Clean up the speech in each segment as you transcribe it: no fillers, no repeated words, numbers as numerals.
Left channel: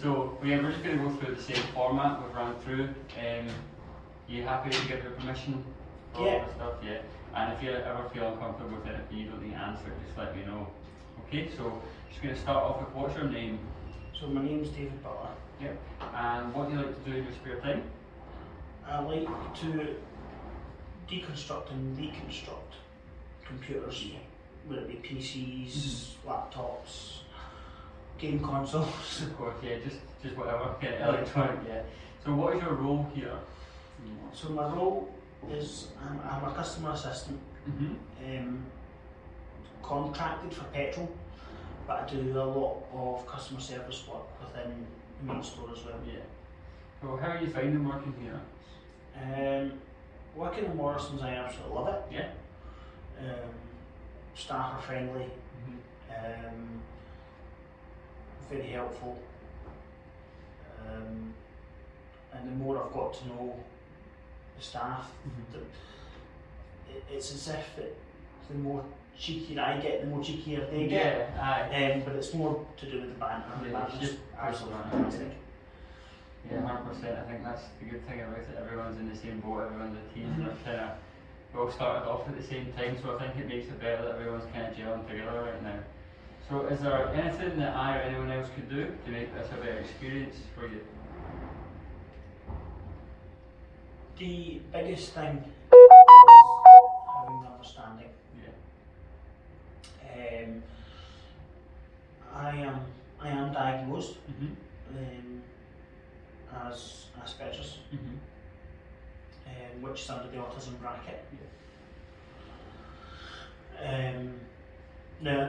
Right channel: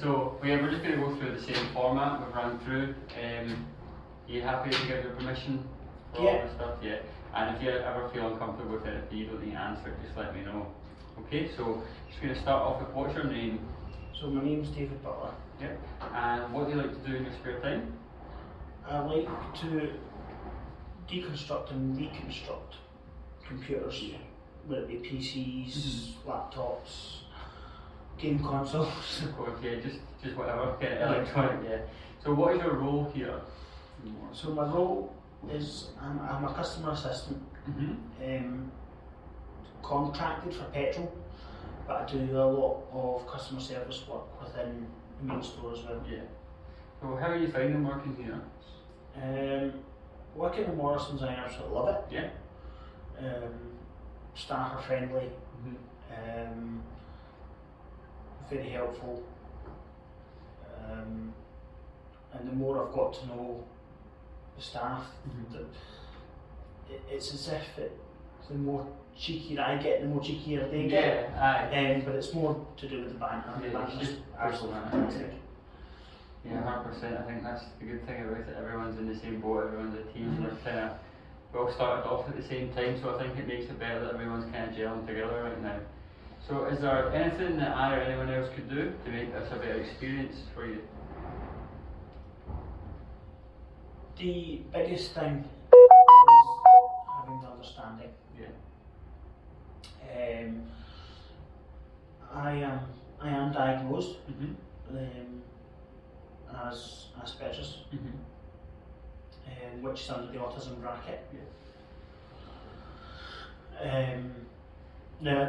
So we're just going to go through the same format we've run through. Are you happy to give your permission for all this stuff? Yeah. And if you ever feel uncomfortable with it, if you don't need to answer it, just let me know. Okay, so just going to start off with, what's your name? So my name's David Butler. Yep. And what do you like to do in your spare time? I like to deconstruct and reconstruct computers, whether it be PCs, laptops, game consoles. Of course, yeah, just whatever, electronic, yeah. So what is your role here? So my role is I'm a customer assistant, contracted for petrol, but I do a lot of customer service work within the main store as well. Yeah. So how are you finding working here? Working in Morrison's, I absolutely love it. Yeah. Staff are friendly, very helpful, and the more I've got to know the staff, it's as if the more cheekier I get, the more cheekier they get. Aye. But it's more to do with the banter. The banter's just absolutely fantastic. Yeah, 100%. I think that's the good thing about it. Everyone's in the same boat, everyone's a team, and we all started off at the same time, so I think it makes it better that everyone's kind of gelling together right now. So is there anything that I or anyone else could do to make this a better experience for you? The biggest thing is having understanding. Yeah. I am diagnosed as Asperger's, which is under the autism bracket. Yeah. Now,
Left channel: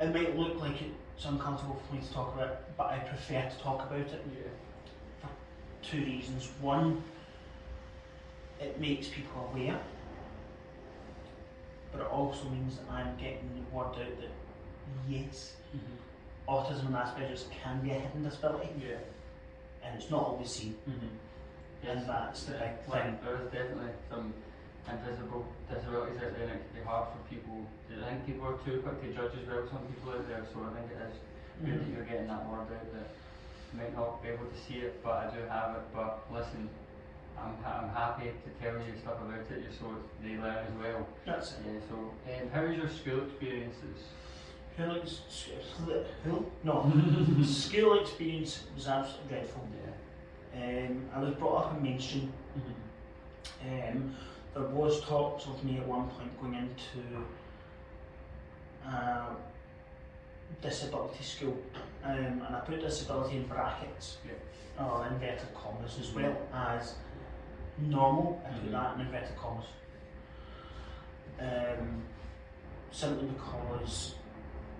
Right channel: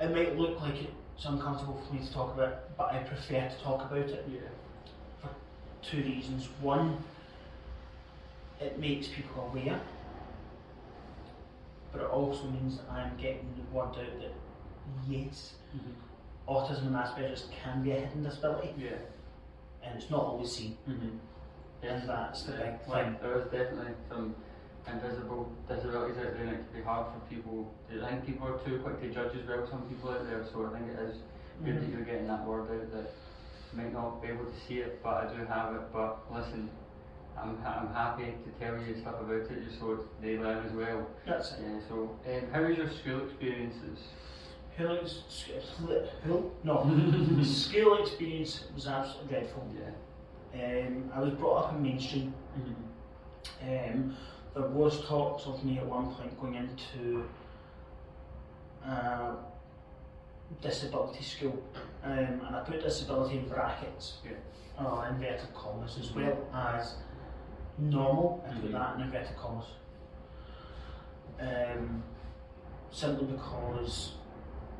it might look like it's uncomfortable for me to talk about, but I prefer to talk about it for two reasons. One, it makes people aware, but it also means that I'm getting the word out that yes, autism and Asperger's can be a hidden disability, and it's not always seen, Yes. and that's the big thing. There is definitely some invisible disabilities out there, and it can be hard for people. I think people are too quick to judge as well, some people out there, so I think it is good that you're getting that word out that might not be able to see it, but I do have it. But listen, I'm happy to tell you stuff about it just so they learn as well. That's it. Yeah, so how was your school experiences? School experience was absolutely dreadful. Yeah. I was brought up in mainstream. There was talks of me at one point going into disability school, and I put disability in brackets, or inverted commas, as well as normal. I put that in inverted commas, simply because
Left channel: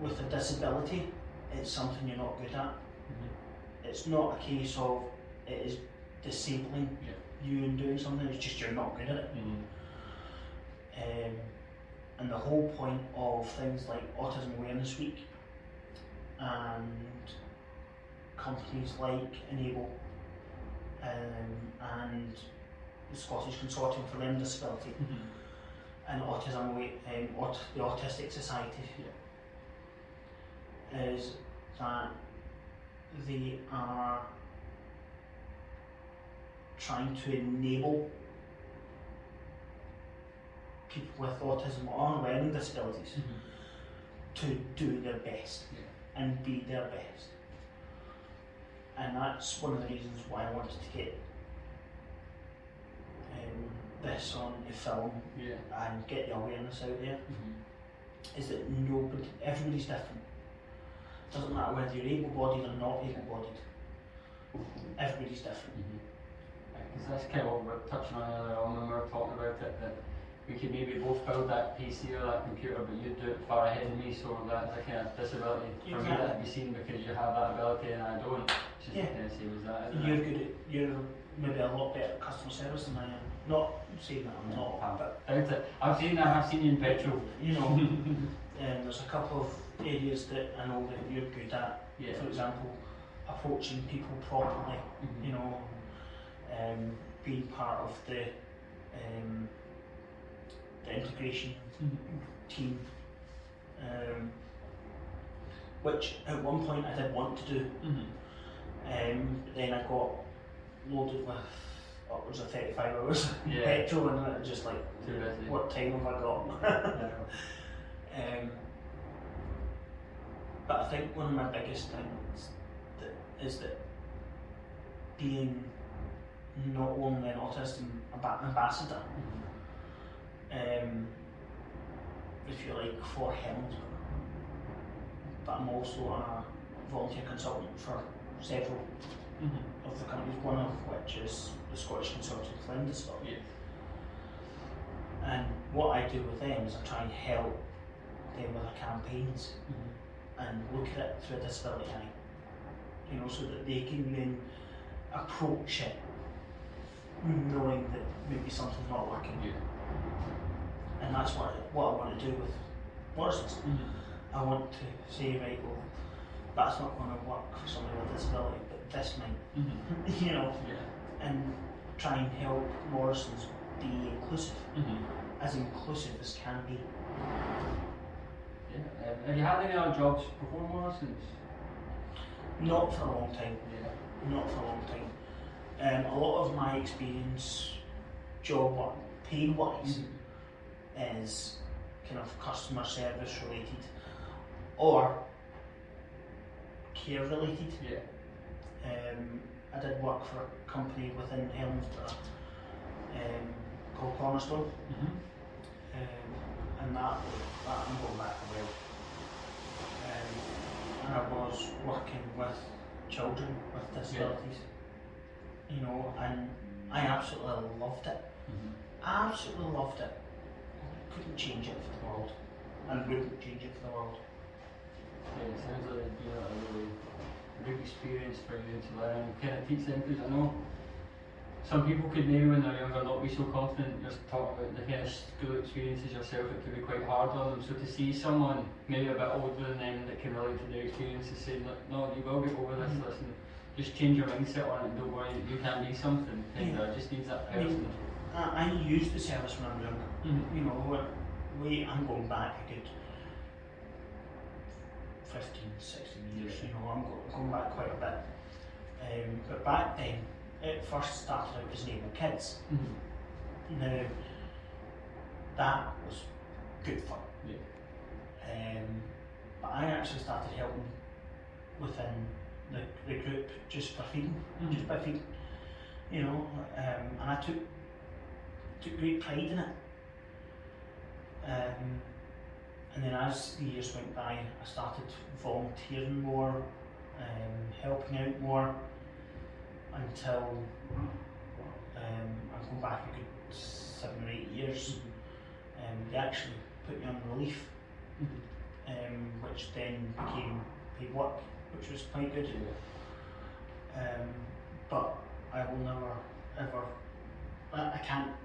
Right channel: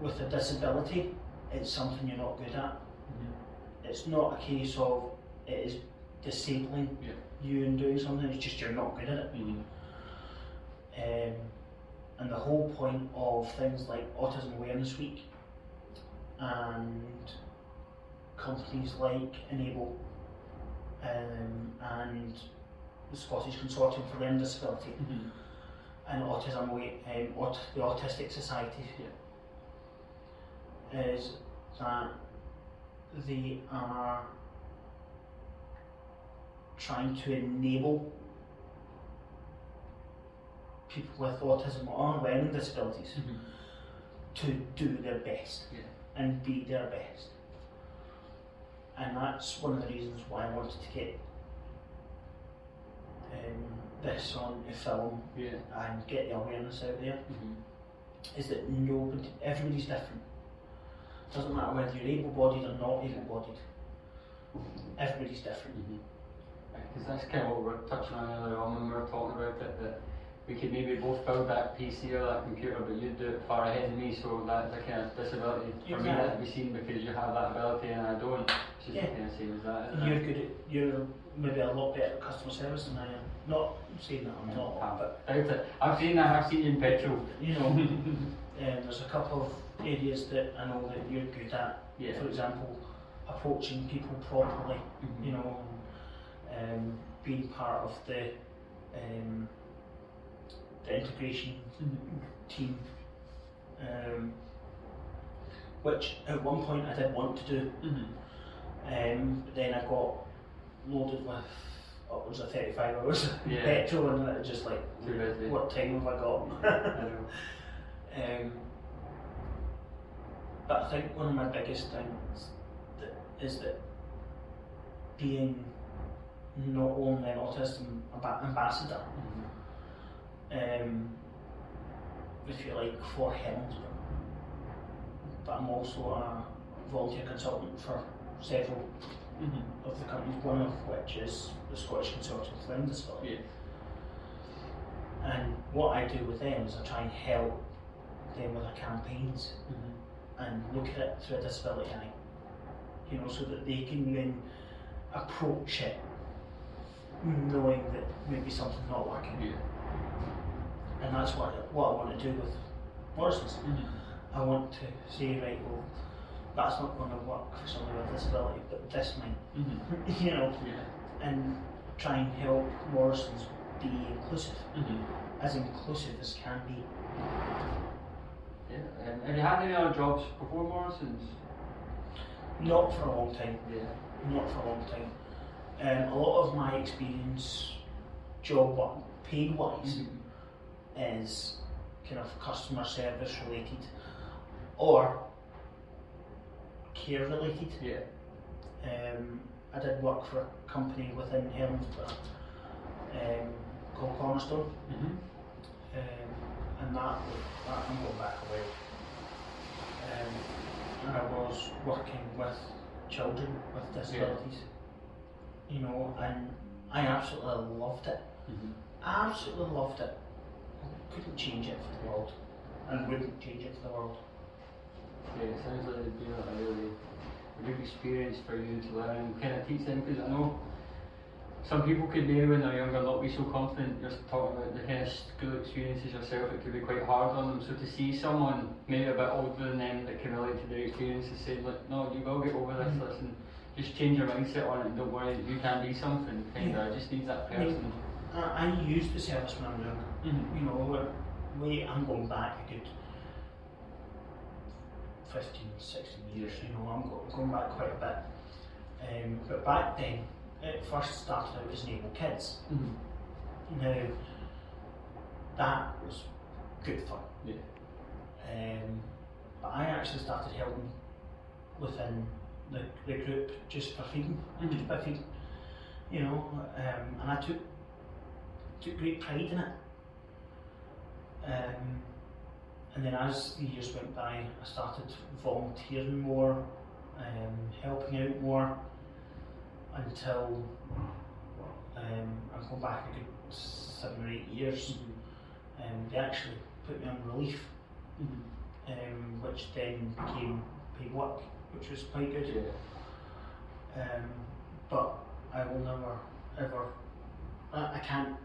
with a disability, it's something you're not good at. It's not a case of it is disabling you in doing something, it's just you're not good at it. And the whole point of things like Autism Awareness Week and companies like Enable and the Scottish Consortium for Learning Disability and the Autistic Society is that they are trying to enable people with autism or learning disabilities to do their best and be their best. And that's one of the reasons why I wanted to get this on film and get the awareness out there, is that everybody's different. It doesn't matter whether you're able-bodied or not able-bodied, everybody's different. Because that's kind of what we were touching on earlier on when we were talking about it, that we could maybe both build that PC or that computer, but you do it far ahead of me, so that's a kind of disability for me that to be seen because you have that ability and I don't. It's just kind of same as that. You're maybe a lot better at customer service than I am. Not saying that I'm not, but doubt it. I've seen that. I've seen you in petrol. You know, there's a couple of areas that I know that you're good at. For example, approaching people properly. You know, being part of the integration team, which at one point I did want to do, Then I got loaded with upwards of 35 hours of petrol, and it was just like, what time have I got? I know. But I think one of my biggest things is that being not only an autism ambassador, if you like, for Helmsburg, but I'm also a volunteer consultant for several of the companies, one of which is the Scottish Consortium for Learning Disability. And what I do with them is I try and help them with their campaigns and look at it through a disability eye, you know, so that they can then approach it knowing that maybe something's not working. And that's what I want to do with Morrison's. I want to say, right, well, that's not going to work for somebody with a disability, but this might, you know, and try and help Morrison's be inclusive, as inclusive as can be. Have you had any other jobs before Morrison's? Not for a long time. Not for a long time. A lot of my experience, job paid wise, is kind of customer service related or care related. I did work for a company within Helmsburg called Cornerstone, and that I'm going back a while. And I was working with children with disabilities, you know, and I absolutely loved it. Absolutely loved it. Couldn't change it for the world, and wouldn't change it for the world. It sounds like it'd be a really big experience for you to learn and kind of teach them, because I know some people could maybe when they're younger not be so confident. You're talking about the kind of school experiences yourself, it could be quite hard on them. So to see someone maybe a bit older than them that can relate to their experiences say, like, no, you will get over this, listen, just change your mindset on it, don't worry, you can be something. It just needs that person. I used the service when I was younger. You know, I'm going back a good 15, 16 years, you know, I'm going back quite a bit. But back then, it first started out as Enable Kids. Now, that was good fun. But I actually started helping within the group just for feeding, just by feeding, you know, and I took great pride in it. And then as the years went by, I started volunteering more, helping out more, until I'm going back a good 7 or 8 years. They actually put me on relief, which then became paid work, which was quite good. But I will never ever, I can't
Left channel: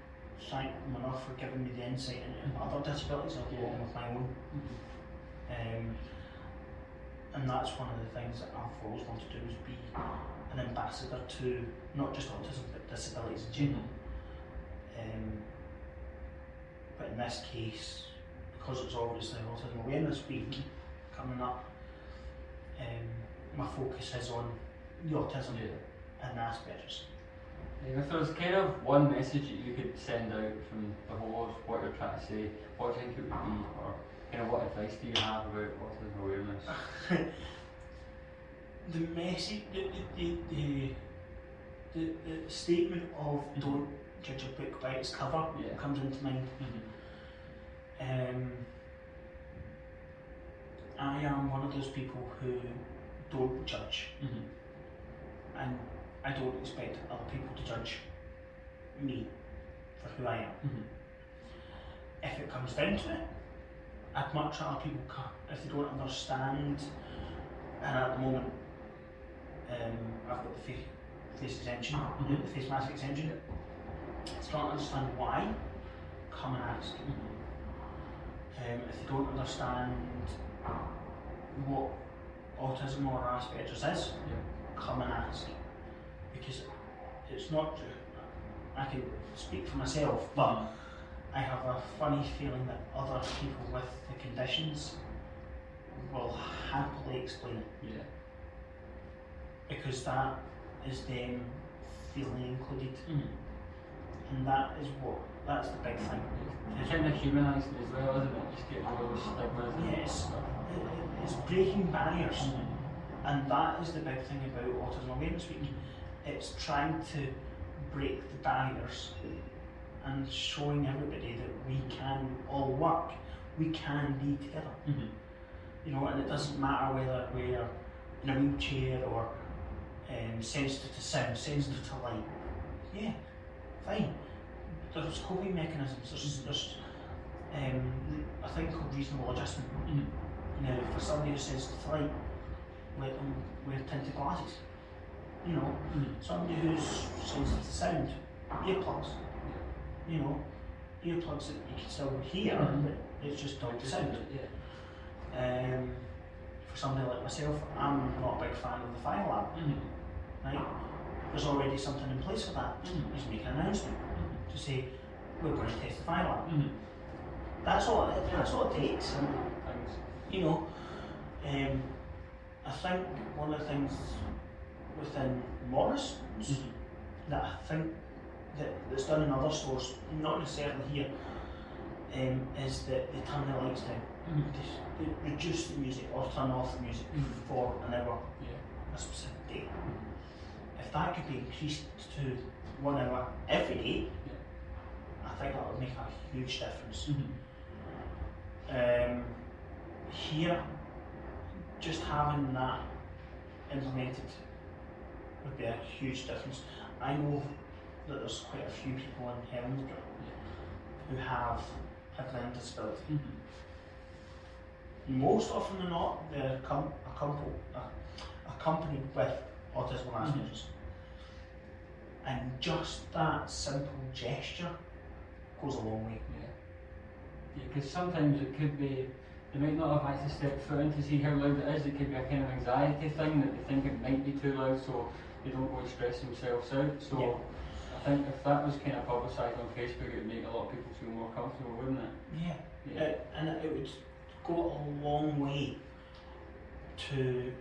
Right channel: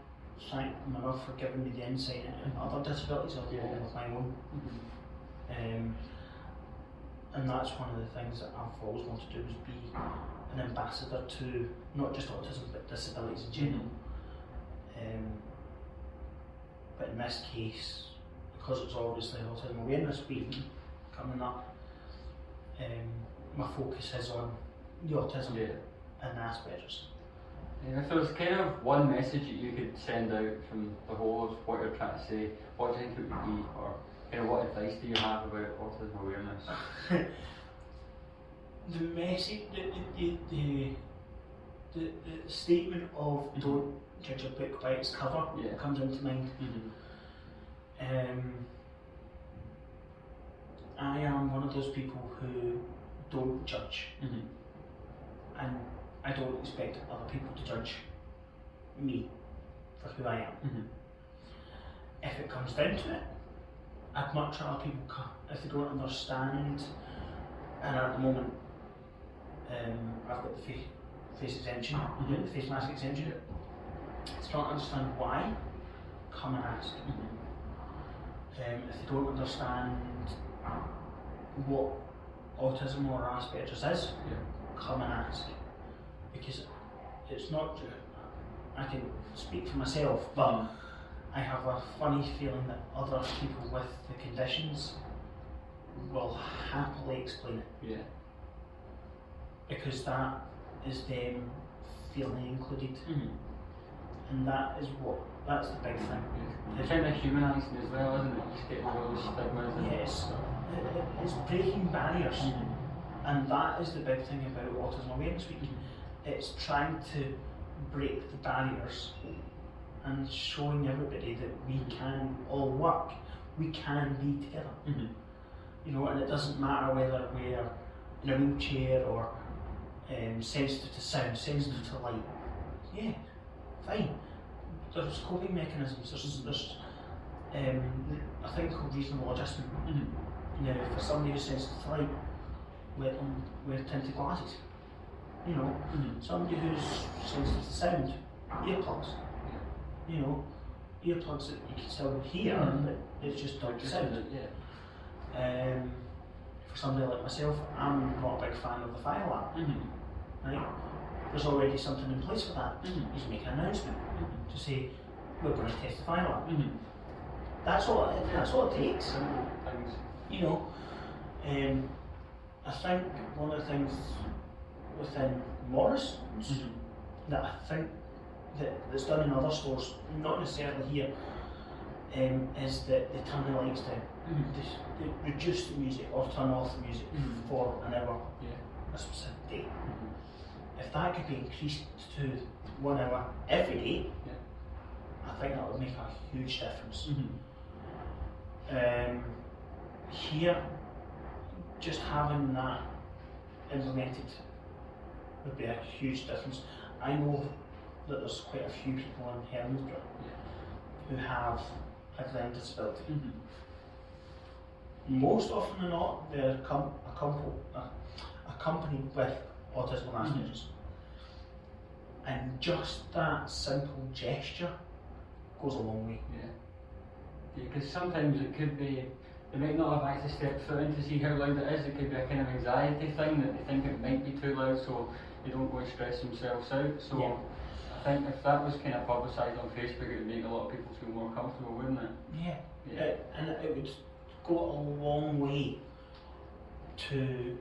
thank them enough for giving me the insight into other disabilities along with my own. And that's one of the things that I've always wanted to do, is be an ambassador to not just autism but disabilities in general. But in this case, because it was obviously Autism Awareness Week coming up, my focus is on the autism and Asperger's. And if there's kind of one message that you could send out from the whole of what you're trying to say, what do you think it would be, or kind of what advice do you have about autism awareness? The message, the statement of don't judge a book by its cover comes into mind. I am one of those people who don't judge, and I don't expect other people to judge me for who I am. If it comes down to it, I'd much rather people if they don't understand, and at the moment I've got the face exemption, the face mask exemption. If they don't understand why, come and ask. If they don't understand what autism or Asperger's is, come and ask. Because it's not, I can speak for myself, but I have a funny feeling that other people with the conditions will happily explain it. because that is them feeling included, and that's the big thing. It's kind of humanising as well, isn't it? Just getting all those stigmas. Yes, it's breaking barriers, and that is the big thing about Autism Awareness Week. It's trying to break the barriers and showing everybody that we can all work, we can be together. You know, and it doesn't matter whether we're in a wheelchair or sensitive to sound, sensitive to light. Yeah, fine. There's coping mechanisms. There's a thing called reasonable adjustment. Now, for somebody who's sensitive to light, let them wear tinted glasses. You know, somebody who's sensitive to sound, earplugs. You know, earplugs that you can still hear, but it's just not the sound. For somebody like myself, I'm not a big fan of the fire alarm. Right? There's already something in place for that. You just make an announcement to say we're going to test the fire alarm. That's all it takes. You know, I think one of the things within Morrison's that I think that's done in other stores, not necessarily here, is that they turn the lights down. They reduce the music or turn off the music for an hour, a specific day. If that could be increased to 1 hour every day, I think that would make a huge difference. Here, just having that implemented would be a huge difference. I know that there's quite a few people in Helensburgh who have a learning disability. Most often than not, they're accompanied with autism and Asperger's. And just that simple gesture goes a long way. Yeah, because sometimes it could be, they might not have actually stepped foot in to see how loud it is. It could be a kind of anxiety thing that they think it might be too loud, so they don't go express themselves out. So I think if that was kind of publicised on Facebook, it would make a lot of people feel more comfortable, wouldn't it? And it would go a long way to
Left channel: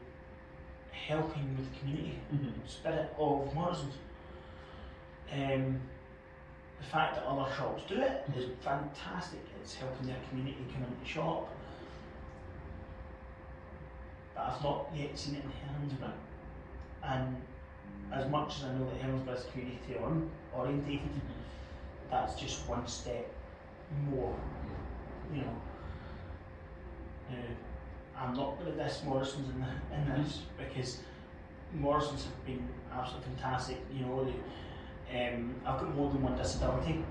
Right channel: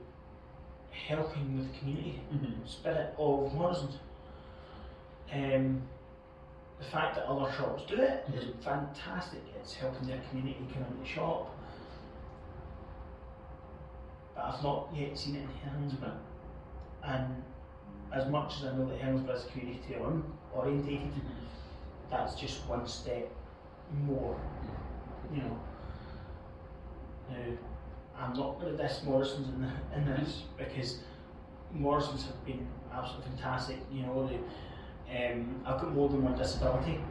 helping with the community spirit of Morrison's. The fact that other shops do it is fantastic. It's helping their community come into the shop. But I've not yet seen it in Helensburgh. And as much as I know that Helensburgh is community orientated, that's just one step more. You know. Now, I'm not going to diss Morrison's in this because Morrison's have been absolutely fantastic. You know, I've got more than one disability,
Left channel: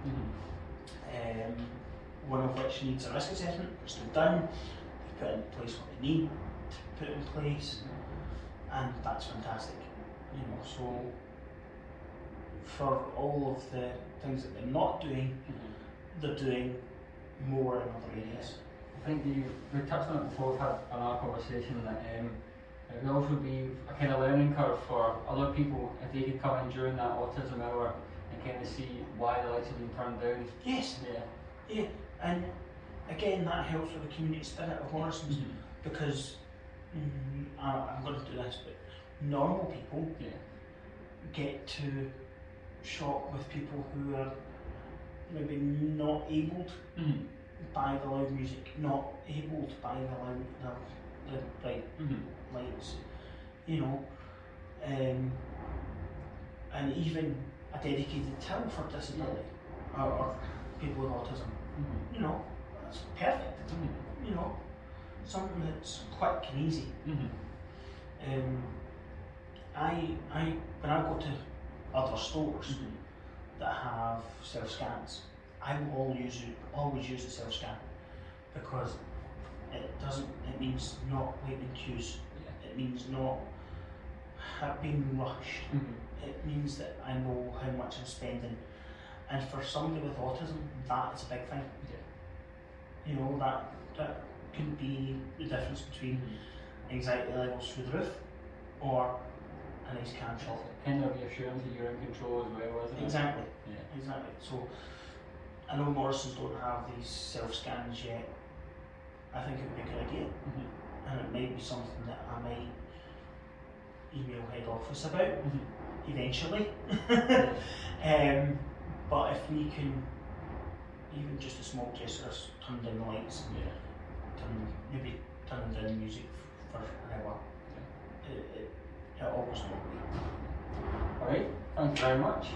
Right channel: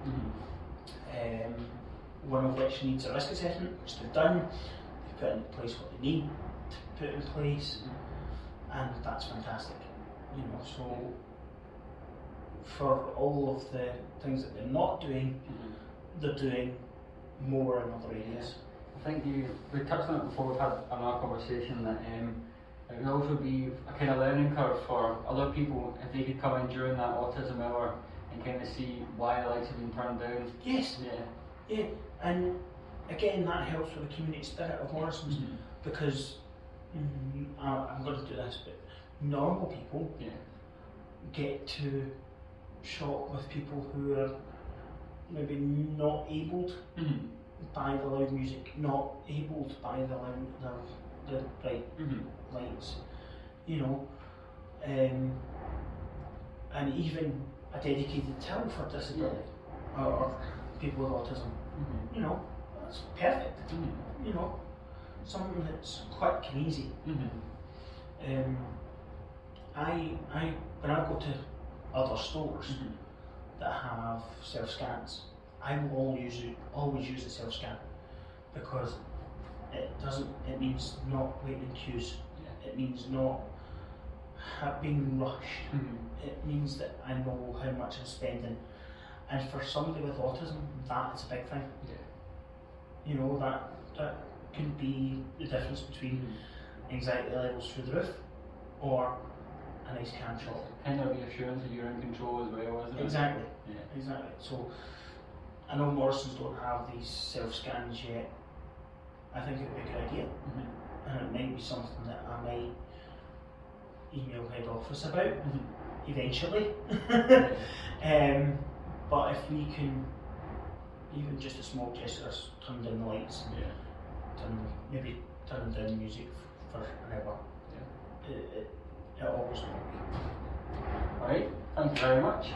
one of which needs a risk assessment, which they've done. They've put in place what they need to put in place, and that's fantastic. You know, so for all of the things that they're not doing, they're doing more in other areas. I think we touched on it before. We've had in our conversation that it would also be a kind of learning curve for other people if they could come in during that autism hour and kind of see why the lights have been turned down. Yes. Yeah, and again that helps with the community spirit of Morrison's because I'm going to do this, but normal people get to shop with people who are maybe not abled by the loud music, not abled by the bright lights, you know, and even a dedicated till for disability or people with autism, you know, that's perfect, you know, something that's quick and easy. When I go to other stores that have self-scans, I will always use a self-scan because it means not waiting in queues, it means not being rushed, it means that I know how much I'm spending, and for somebody with autism that is a big thing. You know, that could be the difference between anxiety levels through the roof or a nice can shop. Kind of reassurance that you're in control as well, isn't it? Exactly. So I know Morrison's don't have these self-scans yet. I think it would be a good idea, and it might be something that I might email head office about eventually. Yeah. But if we can, even just a small gesture, turn down the lights, maybe turn down the music for an hour, it all goes a long way. Alright, thank you very much.